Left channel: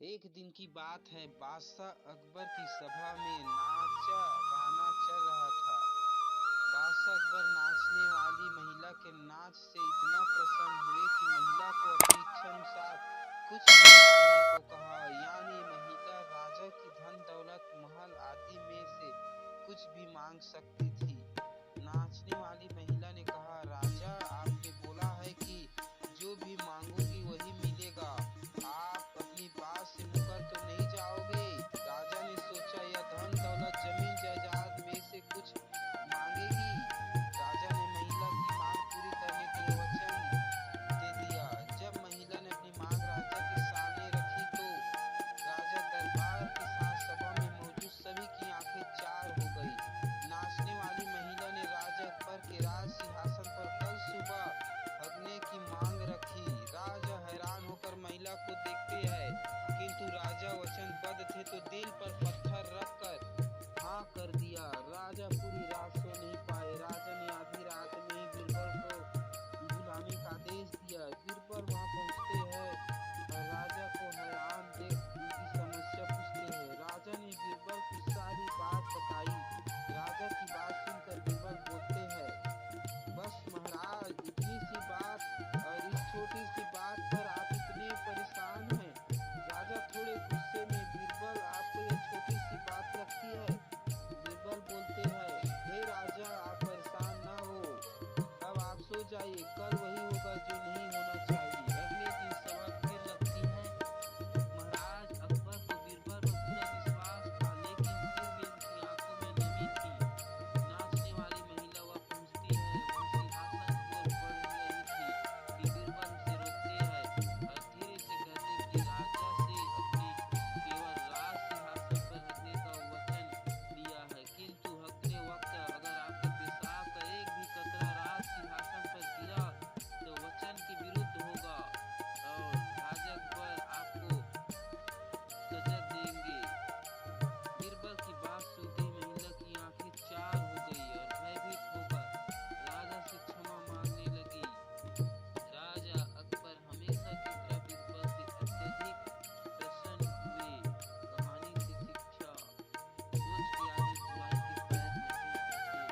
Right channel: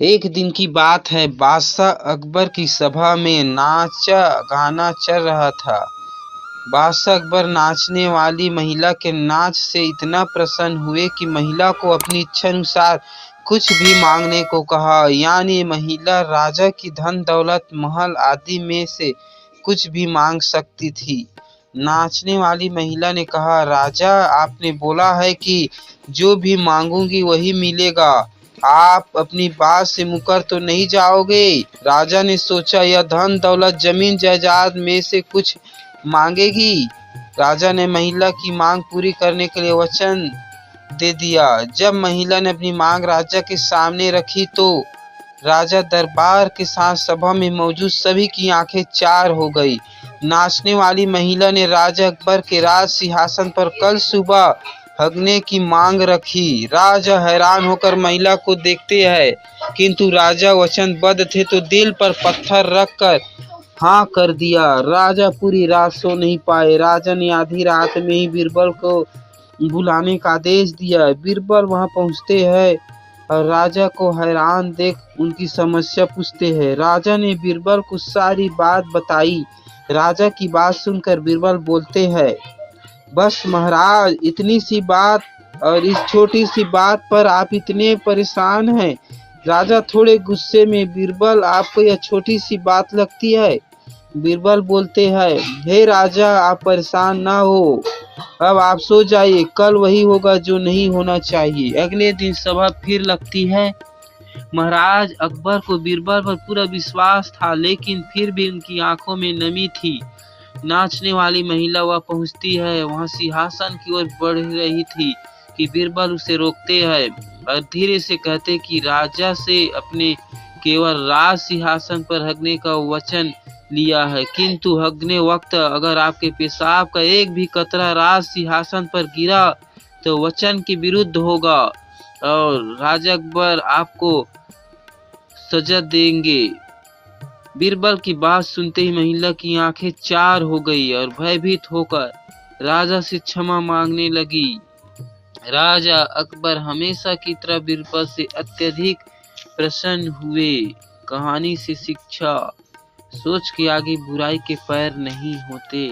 एक दिन की बात है, बादशाह अकबर की सभा में नाचा गाना चल रहा था। बादशाह अकबर नाचने वाली महिला के नाच से इतना प्रसन्न हुए कि महिला को अपनी इच्छा अनुसार कुछ भी मांगने को कहा। यानी महिला राजा की धन दौलत महल आदि में से कुछ भी मांग सकती थी। नाचने वाली महिला ने कहा, राजा आपने बोला है कि जो भी मांगूंगी वही मिलेगा, आप अपनी बात से मुकर तो नहीं जाओगे? राजा ने सोचा, यह धन दौलत जमीन जायदाद में से कुछ मांगेगी। राजा ने महिला की मांग पूरी करने के लिए वचन दे दिया। जब महिला ने अपनी मांग राजा के सामने रखी तो राजा दरबार के साथ सभा में मौजूद सभी की आंखें चार हो गई। नाचने वाली महिला ने राजा अकबर के राज सिंहासन पर कल सुबह हगने की मांग रखी। राजा हैरान होकर महिला को देखते हैं, किंतु राजा वचनबद्ध थे तो दिल पर पत्थर रखकर हाँ कर दिया। राजा पूरी रात सो नहीं पाए। राजा ने आधी रात में ही बीरबल को बुलाने का आदेश दिया। बीरबल वहां पहुंचते हैं और राजा को हैरान देख उनकी समस्या पूछते हैं। राजा ने बीरबल को सारी बात बताई। राजा की बात सुनकर बीरबल बोलते हैं, बस महाराज, इतनी सी बात और इस छोटी सी बात पर आप इतने परेशान हैं? राजा थोड़े गुस्से में, बीरबल आपको यह छोटी सी बात लगती है? बीरबल बोलते हैं, हे राजा, आप परेशान ना हो, अब आप सो जाइए, कल वही होगा जो नहीं होना चाहिए। अगले दिन सभा फिर लगती है। महाराज अकबर को बीरबल पर पूरा विश्वास था, लेकिन फिर भी उनकी आंखों में नमी थी। नाचने वाली महिला वह पहुंचती है, वहां सिंहासन की ओर बढ़ रही थी कि बीरबल उसे रोकते हैं और धीरे से कहते कि राजा से अपने केवल राज सिंहासन पर हगने का वचन लिया है, किंतु हगने वक्त अगर आपके पेशाब का एक भी कतरा राज सिंहासन पर गिरा तो वचन के विरुद्ध होगा और राजा अकबर आपको सजा देंगे। बीरबल की बात सुनते ही महिला की आंखें चार हो गई और भयभीत होकर राजा से क्षमा मांगने लगी। राजा अकबर हमेशा की तरह बीरबल से अत्यधिक प्रसन्न हुए। कहानी से शिक्षा, सोच के आगे बुराई के पैर नहीं होते।